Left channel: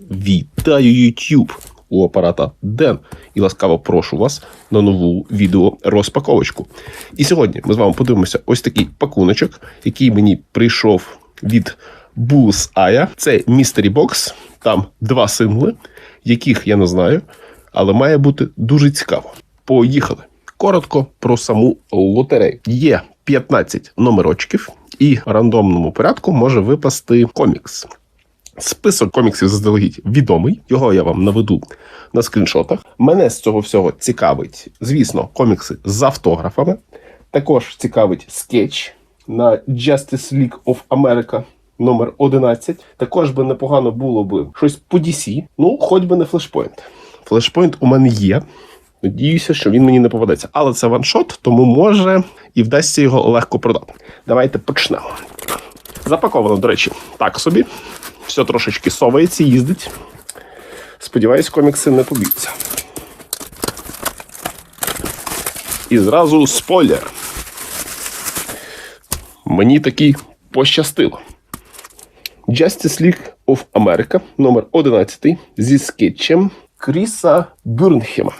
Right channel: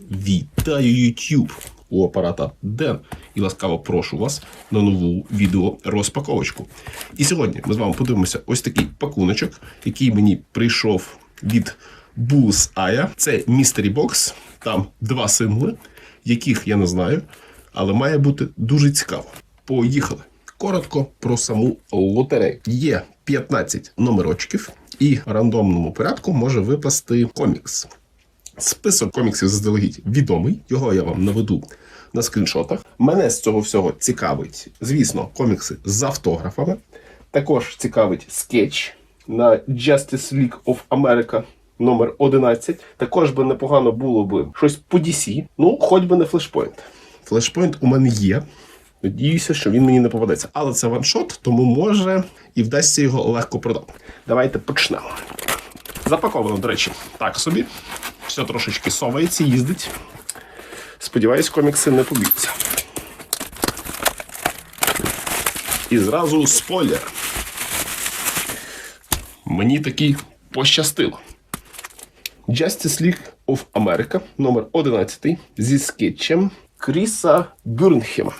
Вітаю YouTube! У апарата Ден і ласкаво прошу вас на нову відео розпаковочку. І сьогодні ми з вами подивимося ось такий пакуночок, який мені прийшов від Bullseye. Це Mystery Box. Там два символи, яких я не знаю, але має бути дуже цікаво. Поїхали! Коротко про саму лотерею. Є 15 номерочків, і в рандомному порядку може випасти комікс. Список коміксів заздалегідь відомий. Його я вам наведу на скріншотах. Мене з цього всього цікавить, звісно, комікси з автографами. Також цікавить скетч на Justice League of America номер 11. Також би непогано було би щось по DC, ну, хоч би не флешпойнт. Флешпойнт у мене є. Надіюся, що він мені не попадеться. Але це ваншот, тому може і вдасться його легко продати. Давайте почнемо. Запаковано, до речі, так собі. Все трошечки совається, їздить. Сподіваюсь, комікси не поб'ються. І зразу спойлер. Мені таки пощастило. Justice League of America номер 11 зі скетчем Кріса Бюрнхема.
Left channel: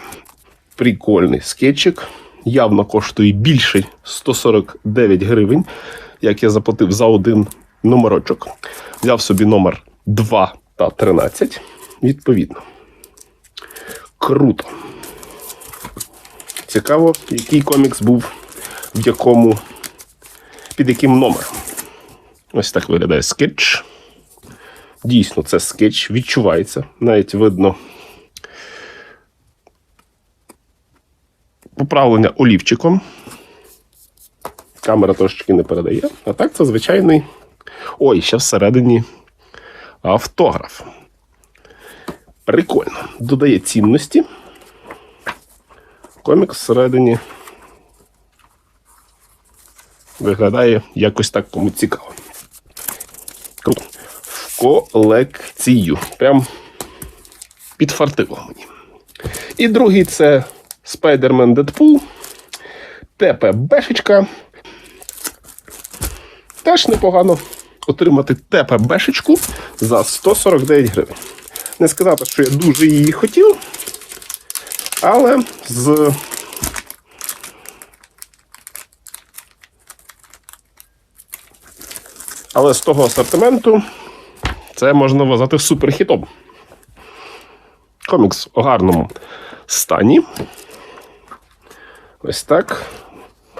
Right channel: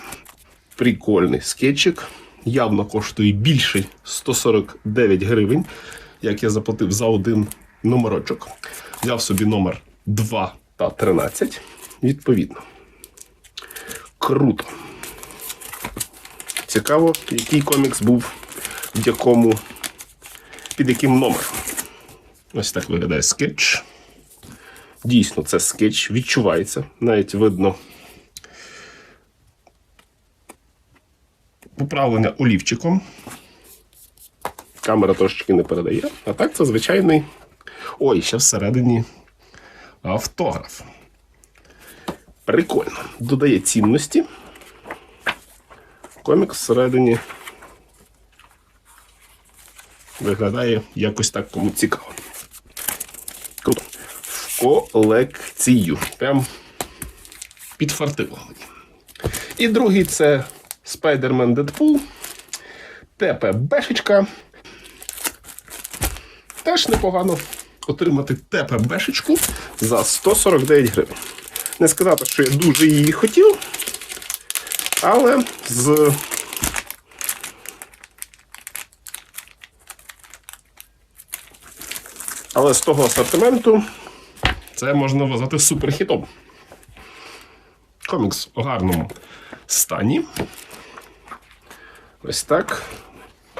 Прикольний скетчик. Явно коштує більше 149 гривень, як я заплатив за один номерочок. Взяв собі номер 2 та 13. Відповідно. Круто. Цікаво, який комікс був в якому, під яким номером. Ось так виглядає скетч. Дійсно, це скетч, відчувається. Навіть видно поправлення олівчиком. Камера трошечки не передає. А так це звичайний. Ой, ще всередині автограф. Прикольно. Додає цінності. Комік всередині виглядає якось так кому цікаво. В колекцію. Прям підфартило мені. І другий це Spider-Man Deadpool. ТПБшечка. Теж непогано отримати ТПБшечку за 149 гривень. Не сказати, що я дуже її хотів, але з Але з того асортименту це можна вважати суперхітом. Комікс у гарному стані. Ось так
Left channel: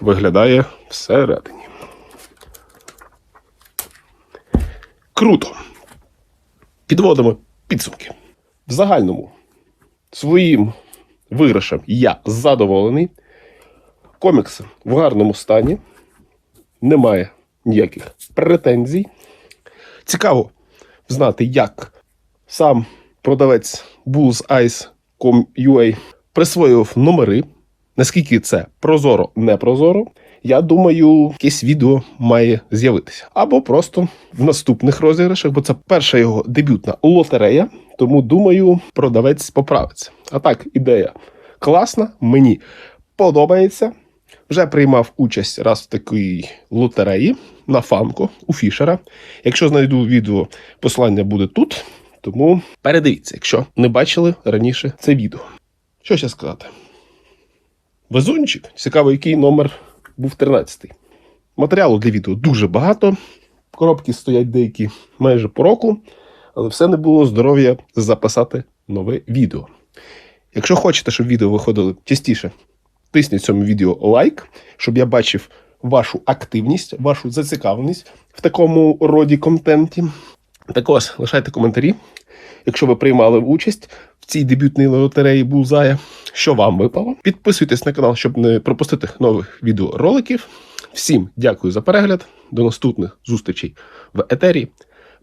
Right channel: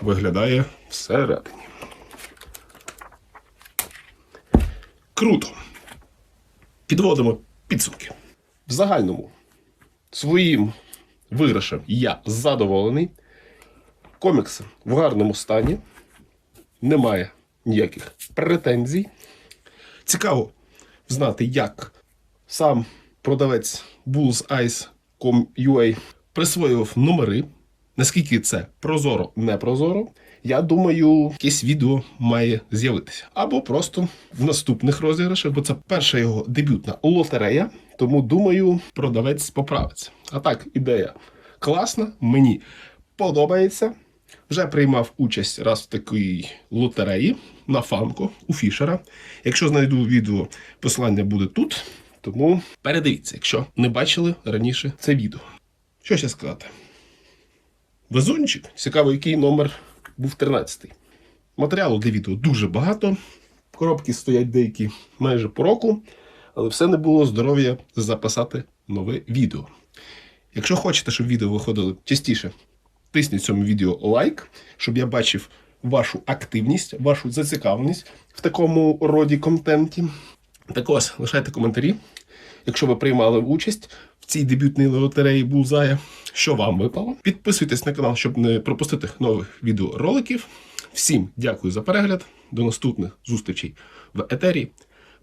виглядає всередині. Круто. Підводимо підсумки. В загальному своїм виграшем я задоволений. Комікси в гарному стані. Немає ніяких претензій. Цікаво знати, як сам продавець bullseyes.com.ua присвоював номери. Наскільки це прозоро, не прозоро, я думаю, якесь відео має з'явитися. Або просто в наступних розіграшах, бо це перша його дебютна лотерея. Тому думаю, продавець поправиться. А так, ідея класна, мені подобається. Вже приймав участь раз в такій лотереї на фанко у Фішера. Якщо знайду відео, посилання буде тут. Тому передивіться, якщо не бачили раніше це відео. Що ще сказати? Везунчик. Цікаво, який номер був 13-й. Матеріалу для відео дуже багато. Коробки стоять деякі майже по року, але все не було здоров'я записати нове відео. Якщо хочете, щоб відео виходили частіше, тисніть цьому відео лайк, щоб я бачив вашу активність, вашу зацікавленість в такому роді контенті. Також лишайте коментарі, якщо ви приймали участь цій дебютній лотереї Булзая, що вам випало. Підписуйтесь на канал, щоб не пропустити нових відеороликів. Всім дякую за перегляд. До наступних зустрічей в етері.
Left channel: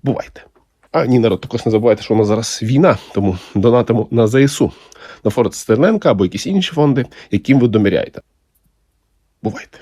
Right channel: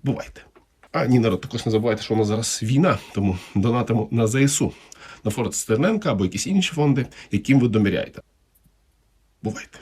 Бувайте! А ні, народ, також не забувайте, що у нас зараз війна, тому донатимо на ЗСУ, на фонд Стерненка або якісь інші фонди, яким ви доміряєте. Бувайте!